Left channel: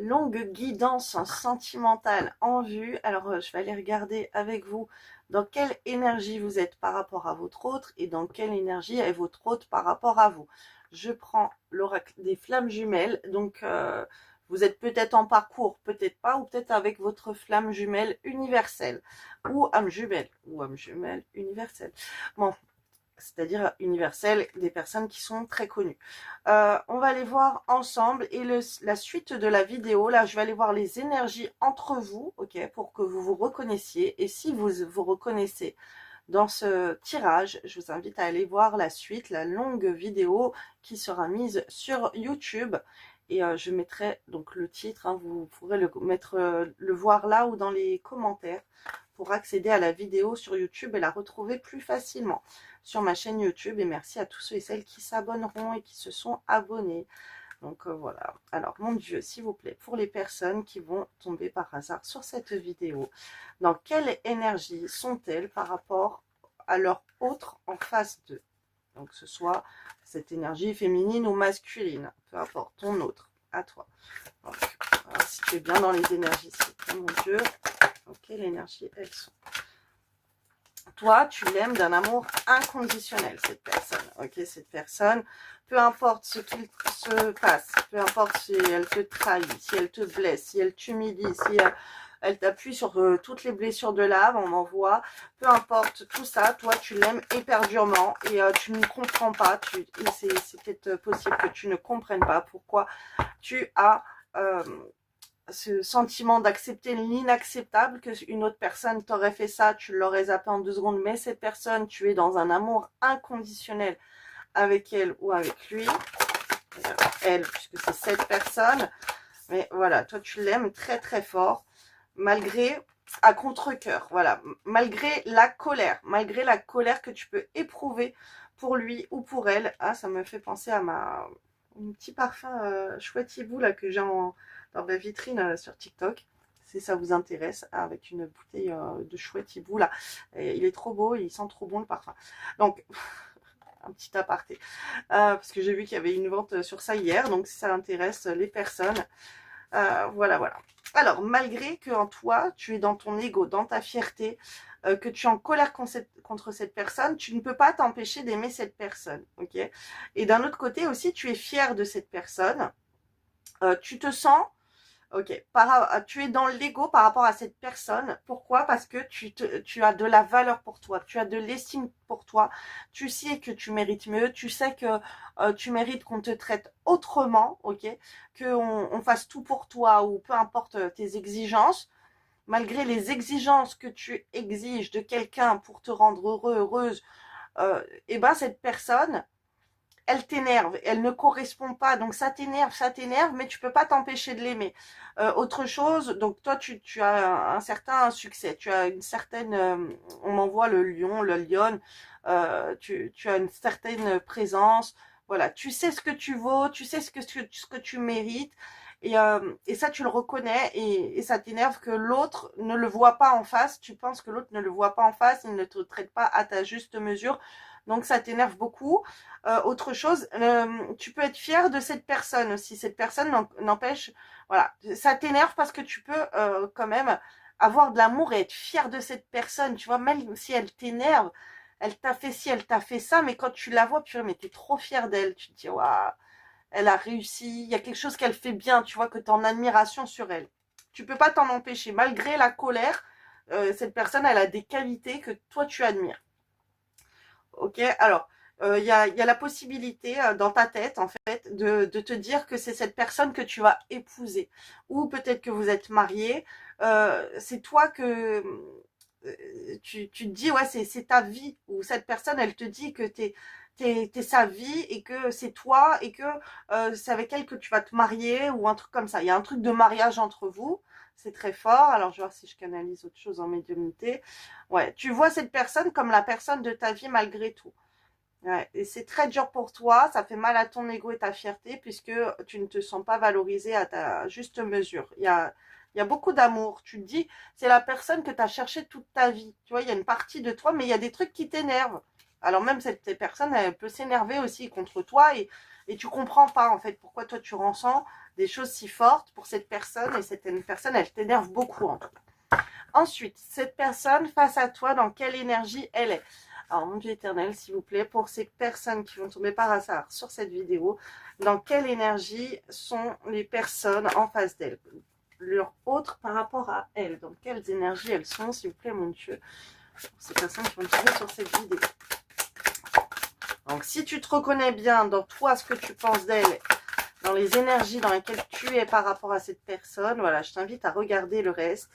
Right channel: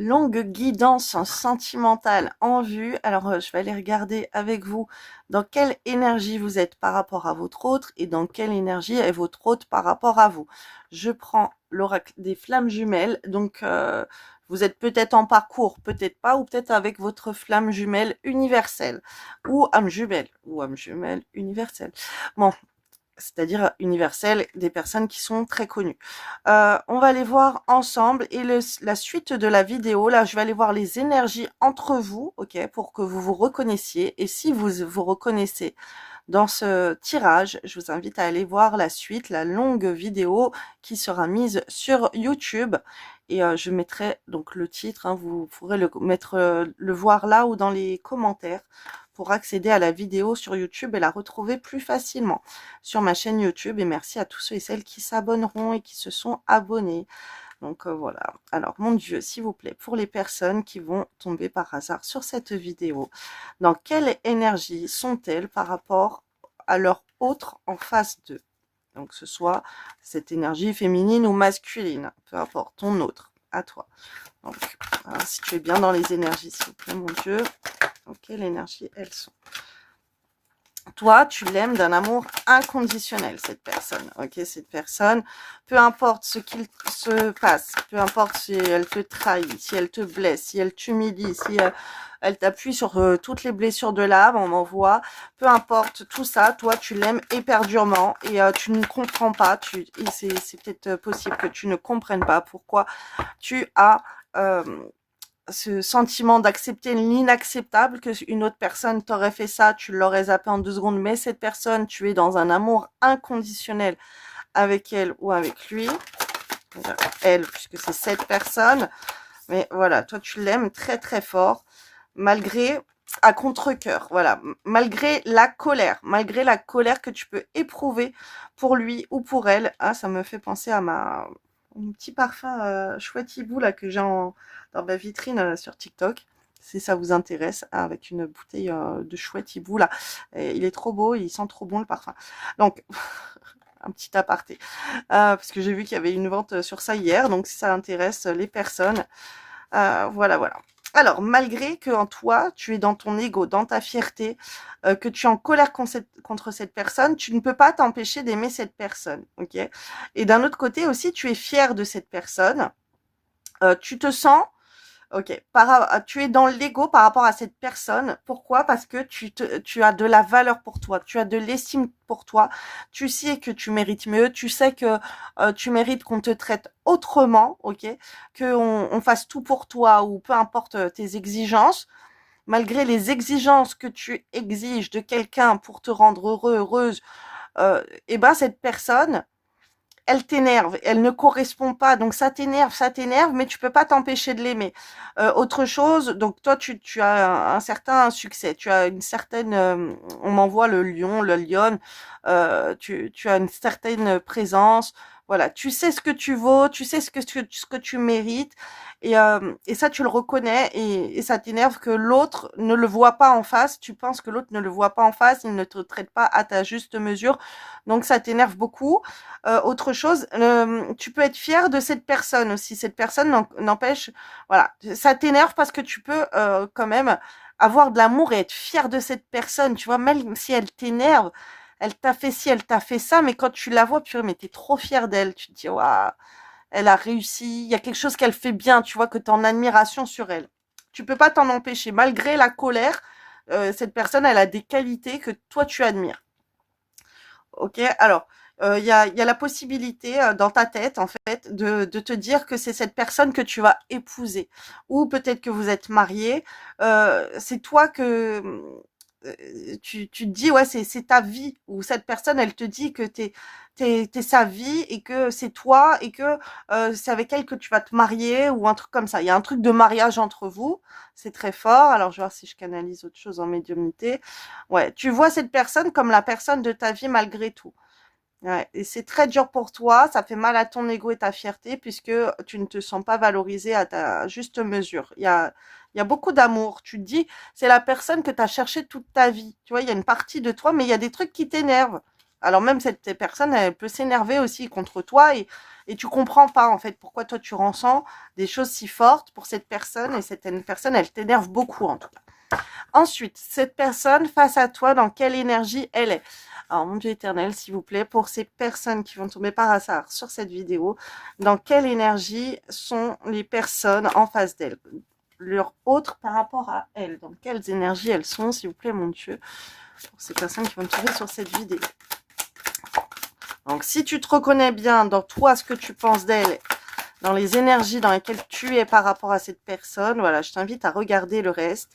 Longue guidance sentimentale en vue. Alors, je vais aller regarder avec vous dans quelle énergie vous êtes par rapport à votre autre et dans quelle énergie est votre autre par rapport à vous. Je prends l'oracle des flammes jumelles. Donc, vous êtes peut-être en parcours, peut-être pas, ou peut-être avec votre flamme jumelle universelle ou âme jumelle universelle. Bon, c'est-à-dire universelle, des personnes qui sont très connues. On va aller voir ensemble et la suite de la vidéo, là, je vais aller voir les énergies entre vous, ok, pour que vous vous reconnaissiez. Et si vous vous reconnaissez dans ce tirage, je vous invite à aller voir la suite, la longue vidéo qui sera mise sur YouTube. Et je mettrai donc le titre, hein, vous pourrez le voir là ou dans les commentaires pour accéder à la vidéo sur YouTube et la retrouver plus facilement sur ma chaîne YouTube. Et merci à tous ceux et celles qui s'abonneront et qui se sont abonnés. Donc voilà. Alors mon Dieu, s'il vous plaît, pour les personnes qui vont tomber par hasard sur cette vidéo, dans quelle énergie sont-elles par rapport à leur autre en face d'eux? Donc ce soit cette énergie féminine ou masculine, peu importe, ton autre, à toi. Donc, voilà, si tu es bien dans les énergies, s'il vous plaît, mon Dieu, dans quelle énergie elles sont? Toi, tu l'aimes d'un amour inconditionnel, cette personne. Ok, cette personne, peu importe ce qu'il se passe, peu importe si elle te trahit, si elle te blesse, si elle t'humilie, si elle t'appuie sur toutes les blessures de l'âme, on m'envoie, peu importe tout ça, toi, tu l'aimes éperdument et tu ne comprends pas. C'est peut-être possible que tu ne comprennes pas pourquoi tu as ce sentiment d'accepter l'inacceptable, que une autre personne t'aurait fait ça, tu l'aurais zappé en 2 secondes, mais cette personne, tu es dans un amour inconditionnel avec elle ou avec lui, elle, puisque c'est cette personne, mais voilà, toi tu l'aimes très très fort, malgré, à contre-cœur, voilà, malgré la colère que tu peux éprouver pour lui ou pour elle. Ah, ça me fait penser à un petit parfum chouette hibou là que j'ai dans ma vitrine sur TikTok. Si ça vous intéresse, avec une bouteille de chouette hibou là. Et il est trop beau, il sent trop bon le parfum. Donc, un petit aparté. Parce que j'ai vu qu'il y avait une vente sur ça hier. Donc, si ça intéresse les personnes, voilà, voilà. Alors, malgré que en toi, tu es dans ton ego, dans ta fierté, que tu es en colère contre cette personne, tu ne peux pas t'empêcher d'aimer cette personne, ok? Et d'un autre côté aussi, tu es fier de cette personne. Tu te sens, ok, tu es dans l'ego par rapport à cette personne. Pourquoi? Parce que tu as de la valeur pour toi, tu as de l'estime pour toi, tu sais que tu mérites mieux, tu sais que tu mérites qu'on te traite autrement, ok, qu'on fasse tout pour toi ou peu importe tes exigences. Malgré les exigences que tu exiges de quelqu'un pour te rendre heureux, heureuse, et ben cette personne, elle t'énerve, elle ne correspond pas, donc ça t'énerve, mais tu peux pas t'empêcher de l'aimer. Autre chose, donc toi, tu as un certain succès, tu as une certaine, on m'envoie le lion, le lionne, tu as une certaine présence, voilà, tu sais ce que tu vaux, tu sais ce que tu mérites, et ça, tu le reconnais, et ça t'énerve que l'autre ne le voit pas en face, tu penses que l'autre ne le voit pas en face, il ne te traite pas à ta juste mesure, donc ça t'énerve beaucoup. Autre chose, tu peux être fier de cette personne aussi. Cette personne n'empêche, voilà, ça t'énerve parce que tu peux quand même avoir de l'amour et être fier de cette personne. Tu vois, même si elle t'énerve, elle t'a fait ci, elle t'a fait ça, mais quand tu la vois, purée, mais t'es trop fier d'elle. Tu te dis, waouh, elle a réussi. Il y a quelque chose qu'elle fait bien. Tu vois que tu es en admiration sur elle. Tu peux pas t'en empêcher. Malgré la colère, cette personne, elle a des qualités que toi, tu admires. Ok, alors, il y a la possibilité dans ta tête, en fait, de te dire que c'est cette personne que tu vas épouser. Ou peut-être que vous êtes mariés. C'est toi que tu te dis, ouais, c'est ta vie. Ou cette personne, elle te dit que t'es sa vie et que c'est toi et que c'est avec elle que tu vas te marier ou un truc comme ça. Il y a un truc de mariage entre vous. C'est très fort. Alors, je vais voir si je canalise autre chose en médiumnité. Ouais, tu vois cette personne comme la personne de ta vie malgré tout. Ouais, et c'est très dur pour toi, ça fait mal à ton ego et ta fierté puisque tu ne te sens pas valorisé à ta juste mesure. Il y a beaucoup d'amour. Tu te dis, c'est la personne que tu as cherchée toute ta vie. Tu vois, il y a une partie de toi, mais il y a des trucs qui t'énervent. Alors même cette personne, elle peut s'énerver aussi contre toi et tu comprends pas en fait pourquoi toi tu ressens des choses si fortes pour cette personne et cette personne, elle t'énerve beaucoup en tout cas. Ensuite, cette personne face à toi, dans quelle énergie elle est? Alors, mon Dieu éternel, s'il vous plaît, pour ces personnes qui vont tomber par hasard sur cette vidéo, dans quelle énergie sont les personnes en face d'elle? Leur autre par rapport à elles, dans quelles énergies elles sont, s'il vous plaît, mon Dieu, pour ces personnes qui vont tomber sur cette vidéo. Donc, si tu te reconnais bien dans toi, ce que tu penses d'elle, dans les énergies dans lesquelles tu es par rapport à cette personne, voilà, je t'invite à regarder le reste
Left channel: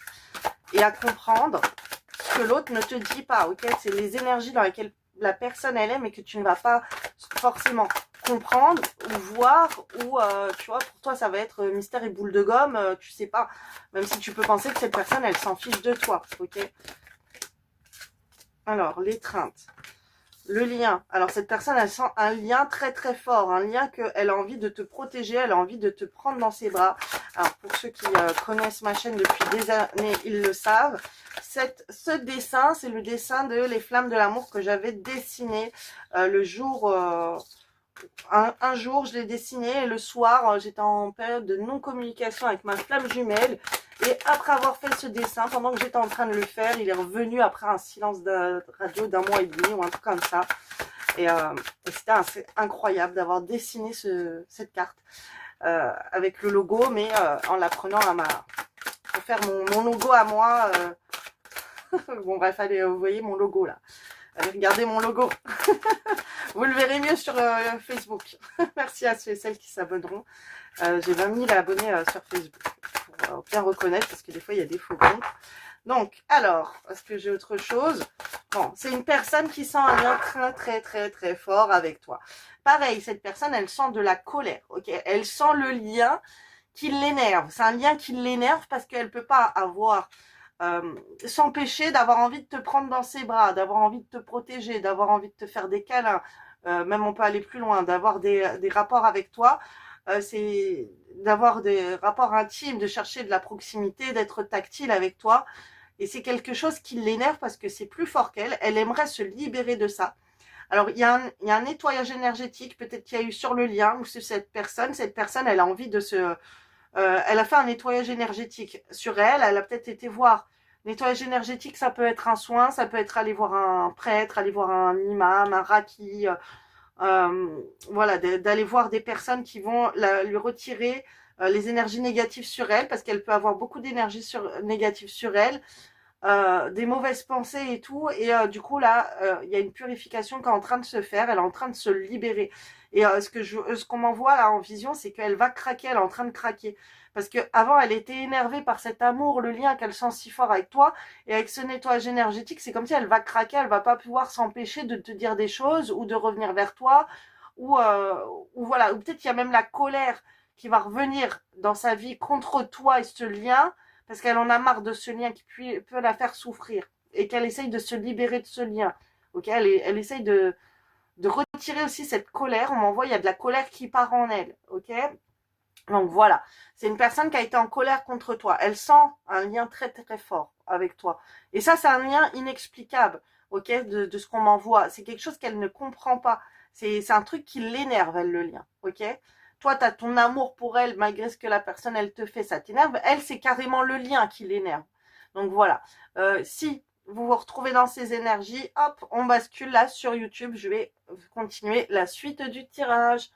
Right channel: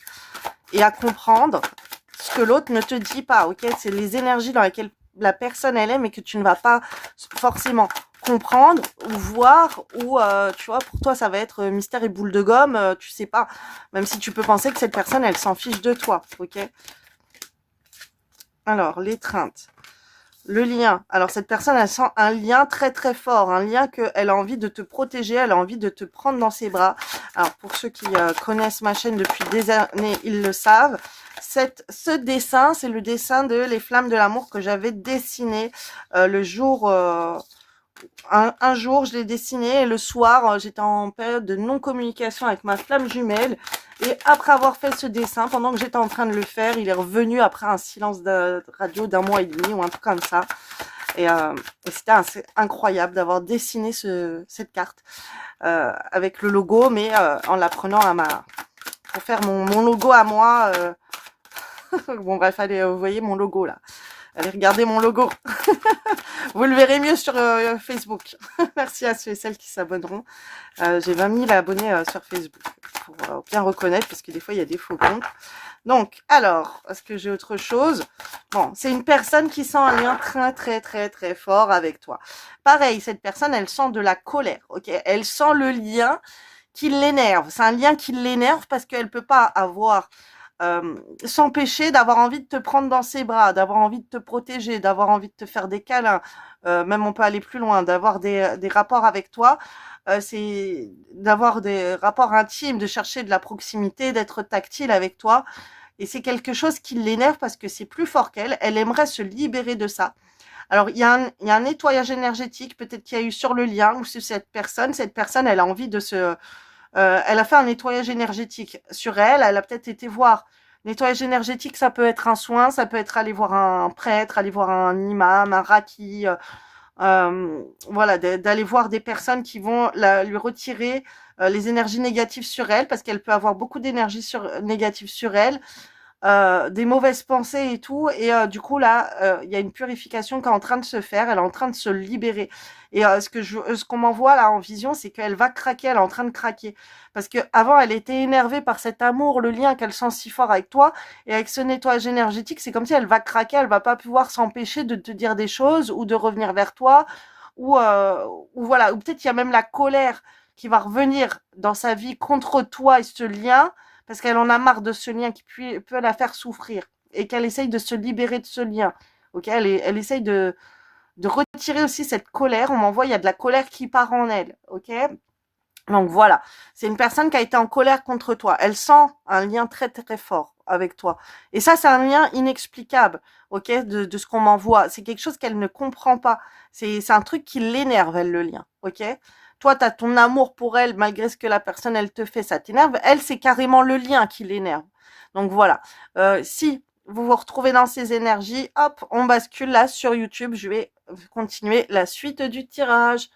et à comprendre ce que l'autre ne te dit pas, ok? C'est les énergies dans lesquelles la personne, elle est, mais que tu ne vas pas forcément comprendre ou voir, ou, tu vois, pour toi, ça va être mystère et boule de gomme, tu sais pas, même si tu peux penser que cette personne, elle s'en fiche de toi, ok? Alors, l'étreinte. Le lien. Alors, cette personne, elle sent un lien très, très fort. Un lien qu'elle a envie de te protéger. Elle a envie de te prendre dans ses bras. Alors, pour ceux qui connaissent ma chaîne depuis des années, ils le savent. Ce dessin, c'est le dessin de Les Flammes de l'amour que j'avais dessiné le jour... un jour, je l'ai dessiné et le soir, j'étais en période de non-communication avec ma flamme jumelle. Et après avoir fait ce dessin, pendant que j'étais en train de le faire, il est revenu après un silence de radio d'1 mois et demi ou un truc comme ça. Et c'était incroyable d'avoir dessiné cette carte avec le logo, mais en la prenant à ma... pour faire mon logo à moi. Bon bref, allez, vous voyez mon logo là. Allez, regardez mon logo. Vous le verrez mieux sur Facebook. Merci à ceux et celles qui s'abonneront. J'ai 20 000 abonnés sur Facebook pour bien reconnaître parce que des fois, il y a des faux comptes. Donc, alors, est-ce que j'ai autre chose? Bon, c'est une personne qui sent un lien très fort avec toi. Pareil, cette personne, elle sent de la colère, ok? Elle sent le lien qui l'énerve. C'est un lien qui l'énerve parce qu'elle ne peut pas avoir... s'empêcher d'avoir envie de te prendre dans ses bras, d'avoir envie de te protéger, d'avoir envie de te faire des câlins, même on peut aller plus loin, d'avoir des rapports avec toi, c'est d'avoir des rapports intimes, de chercher de la proximité, d'être tactile avec toi. Et c'est quelque chose qui l'énerve parce que c'est plus fort qu'elle. Elle aimerait se libérer de ça. Alors, il y a un nettoyage énergétique, peut-être qu'il y a eu sur le lien ou sur cette personne. Cette personne, elle a envie de se... elle a fait un nettoyage énergétique sur elle. Elle a peut-être été voir. Nettoyage énergétique, ça peut être un soin, ça peut être aller voir un prêtre, aller voir un imam, un raki. Voilà, d'aller voir des personnes qui vont lui retirer les énergies négatives sur elle, parce qu'elle peut avoir beaucoup d'énergie négative sur elle. Des mauvaises pensées et tout. Et du coup, là, il y a une purification qui est en train de se faire. Elle est en train de se libérer. Et ce qu'on m'envoie là en vision, c'est qu'elle va craquer. Elle est en train de craquer. Parce qu'avant, elle était énervée par cet amour, le lien qu'elle sent si fort avec toi. Et avec ce nettoyage énergétique, c'est comme si elle va craquer. Elle va pas pouvoir s'empêcher de te dire des choses ou de revenir vers toi. Ou voilà. Ou peut-être il y a même la colère qui va revenir dans sa vie contre toi et ce lien parce qu'elle en a marre de ce lien qui peut la faire souffrir et qu'elle essaye de se libérer de ce lien. Ok, elle essaye de retirer aussi cette colère. On m'envoie, il y a de la colère qui part en elle. Ok, donc voilà, c'est une personne qui a été en colère contre toi. Elle sent un lien très fort avec toi. Et ça, c'est un lien inexplicable, ok, de ce qu'on m'envoie. C'est quelque chose qu'elle ne comprend pas. C'est un truc qui l'énerve, elle, le lien, ok. Toi, tu as ton amour pour elle, malgré ce que la personne, elle te fait, ça t'énerve. Elle, c'est carrément le lien qui l'énerve. Donc voilà, si vous vous retrouvez dans ces énergies, hop, on bascule là sur YouTube. Je vais continuer la suite du tirage.